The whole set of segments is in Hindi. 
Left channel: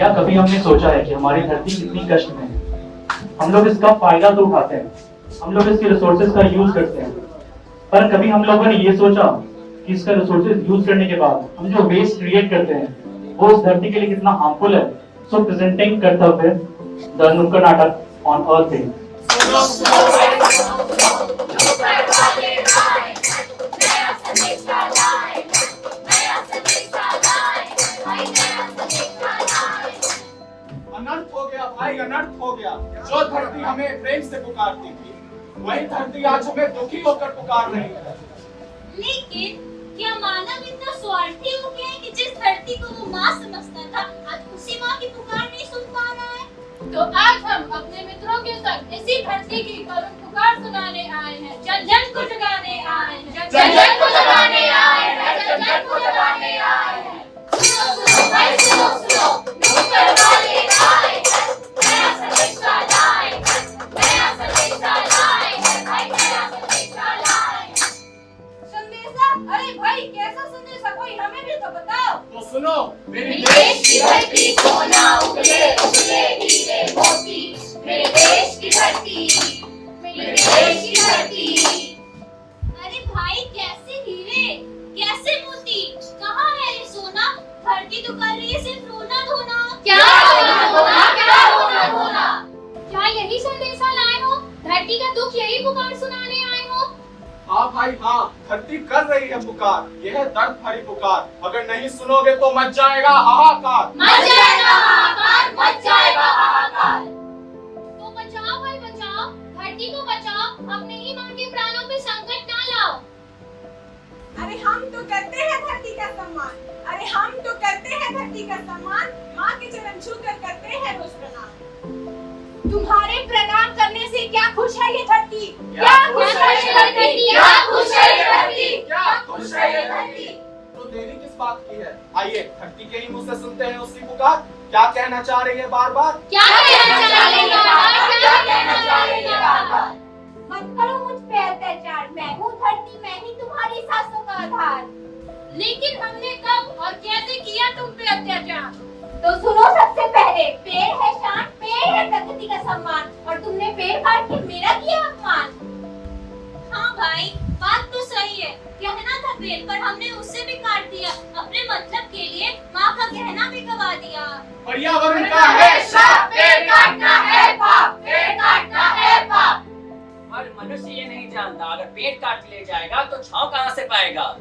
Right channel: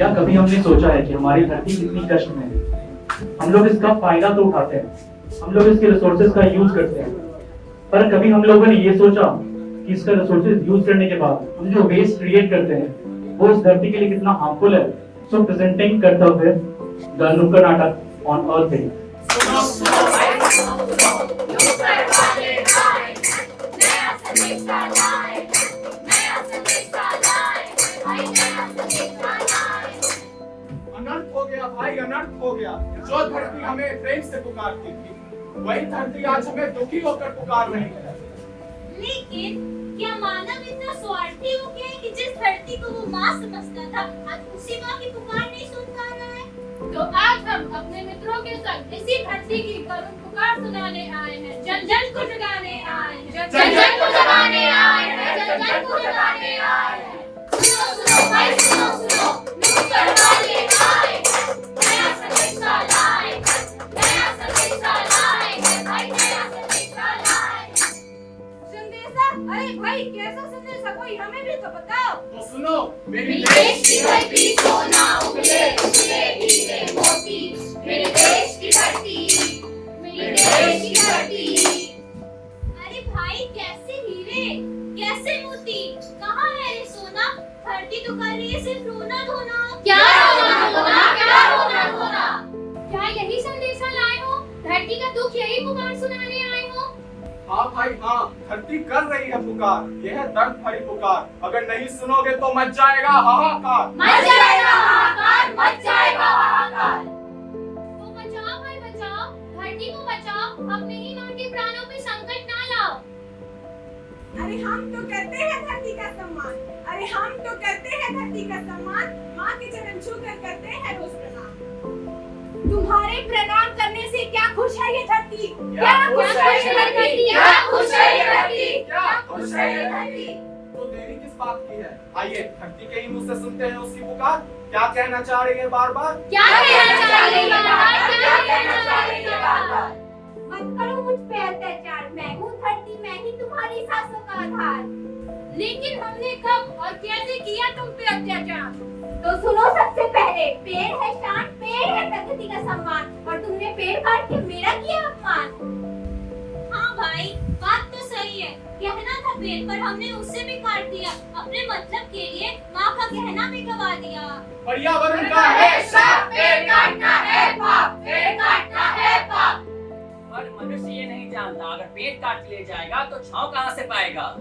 क्या कभी हमने सोचा है कि हमारी धरती कितनी कष्ट में है? हम लोग इसका फायदा तो उठाते हैं, हम लोग इसके रिसोर्सेज का यूज करते हैं, पर कभी हम लोगों ने ये सोचा कि इसका रिसोर्सेज यूज करने के बाद हम जो वेस्ट क्रिएट करते हैं वो उस धरती के लिए कितना हार्मफुल है। सो प्रेजेंटिंग कर्तव्य द नुक्कड़ नाटक ऑन अर्थ डे। अनर्थ हो गया भाई, अनर्थ हो गया। जो धरती हमें प्रेम से पुकारती थी, वही धरती आज हमें दुखी होकर पुकार रही है। लेकिन क्या मानव इतना स्वार्थी हो गया है कि जिस धरती को वो माँ समझता था, आज उसी माँ की पुकार नहीं सुन पा रहा है? तो आज हम अपने मित्रों के संग इसी धरती की करुण पुकार सुनाने आए हैं, जन जन को जगाने आए हैं, जन जन को जगाने आए हैं, जन जन को जगाने आए हैं। सुनो सुनो भाई सुनो सुनो, नुक्कड़ वाले आए हैं, नया संदेशा लाए हैं, नया संदेशा लाए हैं, भाई नया संदेशा लाए हैं। संदेशा? अरे भाई कैसा संदेशा, कोई हमें भी तो बताओ। तो सुनो, मेरी देश की धरती सोना उगले उगले हीरे मोती, मेरे देश की धरती, मेरे देश की धरती। अरे भाई कैसे हीरे, कैसे मोती, कहाँ है ये सोना? धरती तो कर रही है सिर्फ रोना धोना। क्या रोना धोना, क्या रोना धोना? क्या यही संदेशा लाए हो? धरती का दुख यही पुकार सुनाने आए हो? हाँ भाई हाँ, धरती कर रही है पुकार, यह है दर्द भरी पुकार। अगर नहीं सुनोगे तो मच जाएगा हाहाकार, मच जाएगा हाहाकार, मच जाएगा हाहाकार। तो बचाओ भाई बचाओ, धरती को बचाओ, अपने ही माँ के प्राणों पे संकट ना लाओ। अरे हम तो करते हैं धरती का सम्मान, अरे हम तो करते हैं धरती का सम्मान, माँ के चरण छूकर करते हैं रोज प्रणाम। तुम्हारे प्रणाम करने से क्या खुश है ये धरती, क्या खुश है ये धरती, क्या खुश है ये धरती, क्या खुश है ये धरती। तो देरी किस बात की है? आइए धरती के ही मुंह से सुनते हैं उसकी पुकार। क्या कहना चाह रही है बार बार? क्या कहना चाह रही है बार-बार, क्या कहना चाह रही है बार-बार? मत करो मुझ पे अत्याचार, मैं हूँ धरती, मैं ही तुम्हारी सांसों का आधार। लेकिन हमने कब और कैसे किया तुम पे अत्याचार? तो सुनो सबसे पहले, पेड़ है शान, पेड़ है प्रकृति का सम्मान, और तुमने पेड़ काट के मेरा किया अपमान। हाँ भाई बात तो सही है, कहना था पेड़ पर हमने उससे भी काट दिया, अपने मतलब के लिए माँ का कहना भी गवा दिया। पर्यावरण का है श्राप, पेड़ काटना है पाप, पेड़ काटना है पाप। और मनुष्य ये नहीं जानता अगर पेड़ काट ले जाएगा तो छांव कहाँ से पाएगा।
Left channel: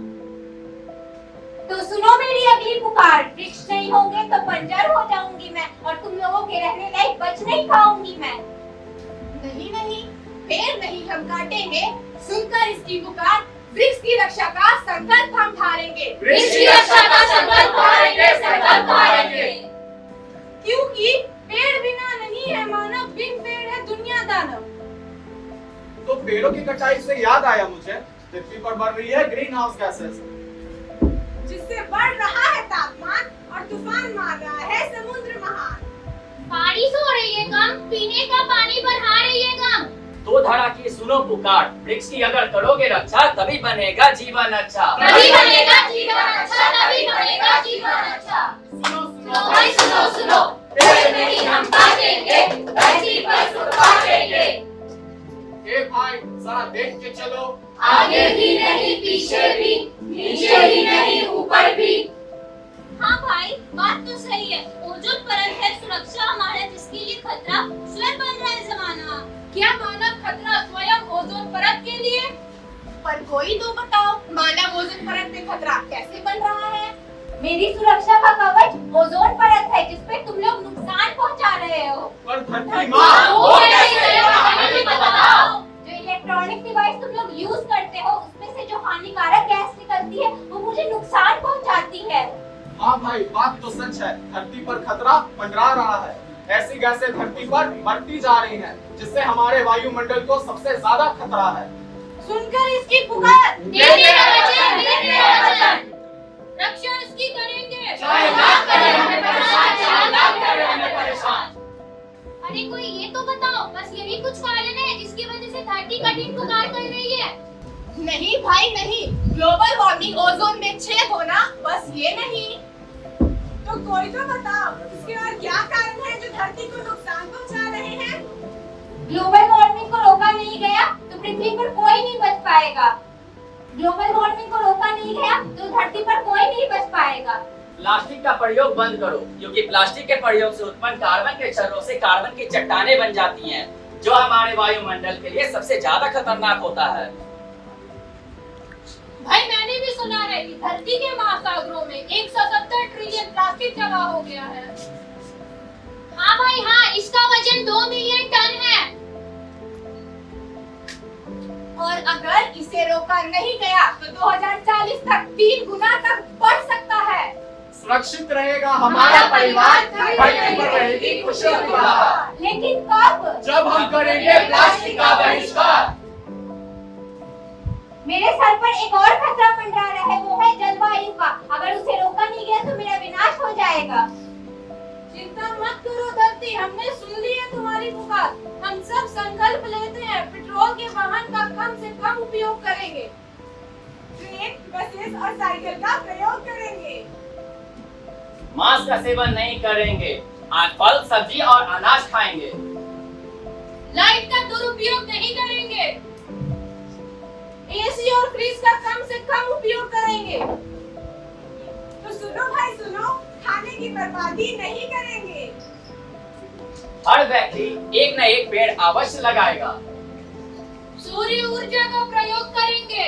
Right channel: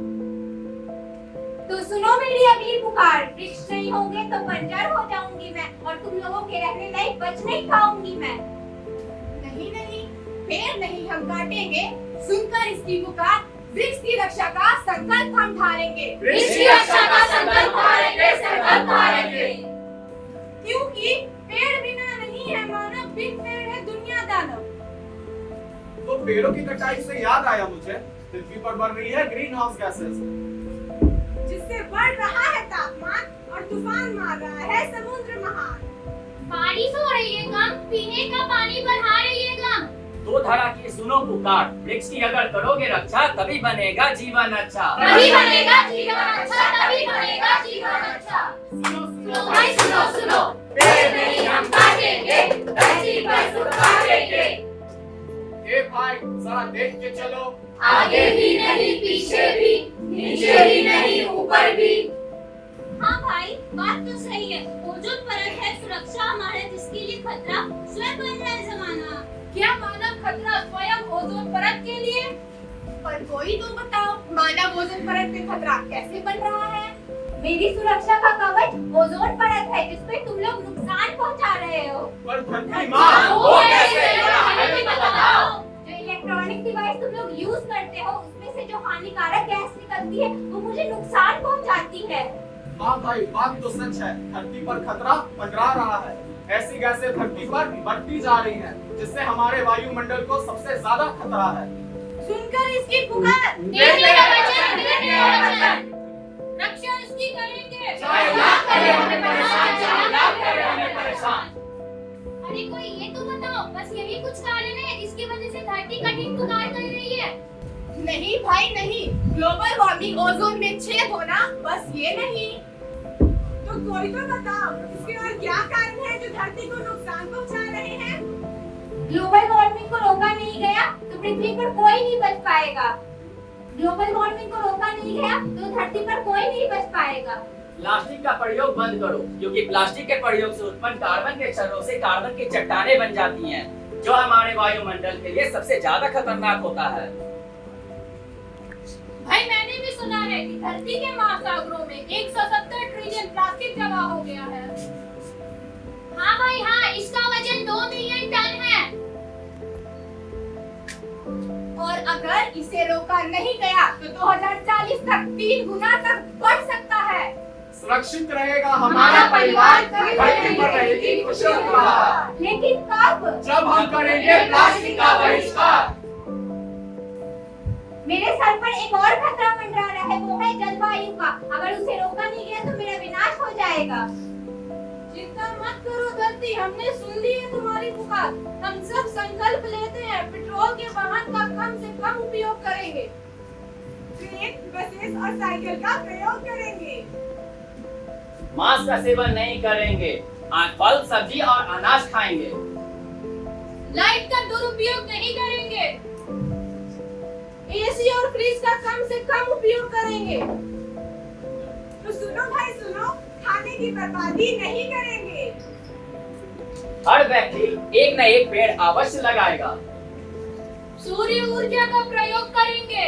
तो सुनो मेरी अगली पुकार, वृक्ष नहीं होंगे तो बंजर हो जाऊंगी मैं, और तुम लोगों के रहने लायक बच नहीं पाऊंगी मैं। नहीं नहीं, पेड़ नहीं हम काटेंगे, सुनकर इसकी पुकार, वृक्ष की रक्षा का संकल्प हम धारेंगे। वृक्ष की रक्षा का संकल्प धारेंगे, संकल्प धारेंगे। क्योंकि पेड़ बिना नहीं है मानव, बिन पेड़ है दुनिया दानव। तो पेड़ों की कटाई से याद आया मुझे, पृथ्वी पर बढ़ रही है ग्रीन हाउस गैसेस, जिससे बढ़ रहा है तापमान और तूफान मार रहा है समुद्र महान। बारिश हो रही है कम, पीने का पानी बढ़ा रही है कम। दो धारा की सुनो पुकार, वृक्ष की अगर करोगे रक्षा तभी बनेगा जीवन अच्छा। तभी बनेगा जीवन अच्छा, तभी बनेगा जीवन अच्छा। सुनो सुनो भाई सुनो सुनो, पेड़ नहीं हम काटेंगे, धरती पर सुख पाएंगे। ए भाई जरा देख के चलो, आगे भी नहीं पीछे भी, नीचे भी नहीं ऊपर भी। हाँ भाई बात तो सही है, ओजोन परत है सुरक्षा हमारा, जिसके लिए खतरा स्वयं बन रहा है जमाना। क्या मानव खतरा स्वयं ओजोन परत के लिए? पर कोई तो बताओ, मानव ओजोन परत पे खतरा कैसे बन रहा है? मेरी सुरक्षा का कवच ओजोन परत है, जिसपे तुम लोग नुकसान पहुंचा रहे हो। पर धरती माँ वो कैसे हमें भी बताओ। जो इलेक्ट्रॉनिक डिवाइस तुम लोग यूज करते हो, उसमें से जो हानिकारक गैस निकलती है वो मुझे नुकसान पहुंचाती है। हाँ भाई बात तो सच है, धरती पर खतरा मंडरा रहा है। ऐसी गैसें धरती पर बढ़ती जा रही हैं, जिससे हमारे वायुमंडल को सबसे ज्यादा खतरा है। सुनकर इसकी पुकार, देंगे वचन, देंगे वचन। रक्षा इसकी करेंगे, चाहे लाख करें हमें परेशान, चाहे लाख करें हमें परेशान। अरे कोई ये तो बताओ, बस यही कुछ कारण है जिसकी वजह से धरती कठिन पुकार कर रही है? नहीं भाई नहीं, ग्लोबल वार्मिंग, ओजोन में छेद होना, बस ये नहीं। तो कोई तो बताओ, इसके और क्या जाएगा। ग्लोबल वार्मिंग को रोका नहीं गया तो धरती पर कोई नहीं बच पाएगा। प्लास्टिक का प्रयोग बंद करो, क्योंकि प्लास्टिक के प्रयोग से उत्पन्न कार्बन के क्षरणों से कार्बन की चट्टानें बन जाती हैं, जो हमारे वायुमंडल के लिए सबसे ज्यादा खतरनाक होता है। भाई मैंने भी सुना है कि धरती के महासागरों में 170 ट्रिलियन प्लास्टिक जमा हो गया है। हाँ भाई हाँ, इसका वजन 2 मिलियन टन है। और अगर इसे रोका नहीं गया तो 2040 तक 3 गुना तक बढ़ सकता है। सुरक्षित रहेगा हमारा परिवार, धरती पर रहेगी खुशी खुशहाल। लेकिन कब? जब हम करेंगे प्लास्टिक का बहिष्कार। मेरे सर पर एक और खतरा मंडरा रहा है, वो है जलवायु का। अगर उसे रोका नहीं गया तो मेरा विनाश हो जाएगा। चिंता मत करो धरती, हमने सुन ली है तुम्हारी पुकार। हम सब संकल्प लेते हैं, पेट्रोल के वाहन का कम से कम उपयोग करेंगे। ट्रेन, बसेस और साइकिल का प्रयोग करेंगे। मांस का सेवन नहीं करेंगे, आज फल सब्जी और अनाज खाएंगे। लाइट का दुरुपयोग नहीं करेंगे। एसी और फ्रिज का कम से कम उपयोग करेंगे। तो सुनो भाई सुनो, खाने की बर्बादी नहीं करेंगे। हर व्यक्ति एक न एक पेड़ अवश्य लगाएगा। सूर्य ऊर्जा का प्रयोग करेंगे।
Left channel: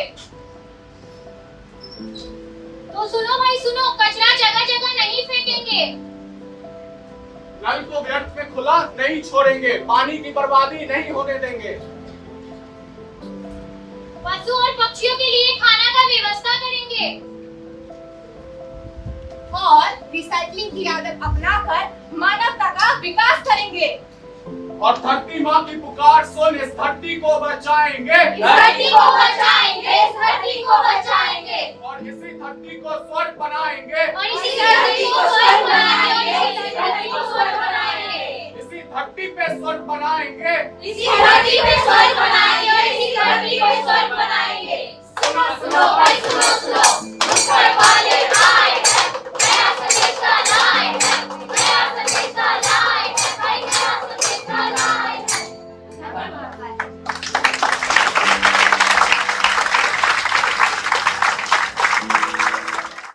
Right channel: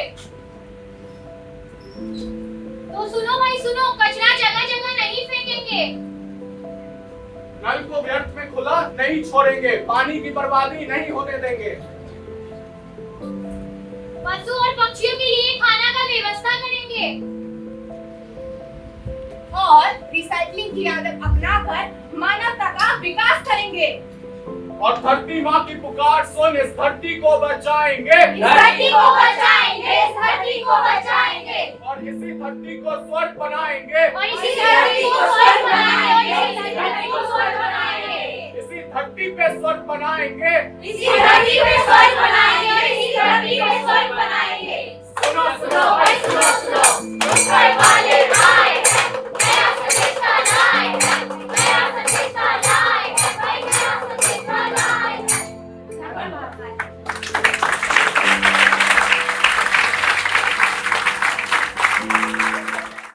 तो सुनो भाई सुनो, कचरा जगह जगह नहीं फेंकेंगे। नल को व्यर्थ में खुला नहीं छोड़ेंगे, पानी की बर्बादी नहीं होने देंगे। पशु और पक्षियों के लिए खाना का व्यवस्था करेंगे। और रिसाइकलिंग की आदत अपनाकर मानवता का विकास करेंगे। और धरती माँ की पुकार सुन, इस धरती को बचाएंगे। इस धरती को बचाएंगे, इस धरती को बचाएंगे। और इसी धरती को स्वर्ग बनाएंगे। और इसी धरती को स्वर्ग बनाएंगे, और इसी धरती को स्वर्ग बनाएंगे। इसी धरती पे स्वर्ग बनाएंगे। इसी धरती पे स्वर्ग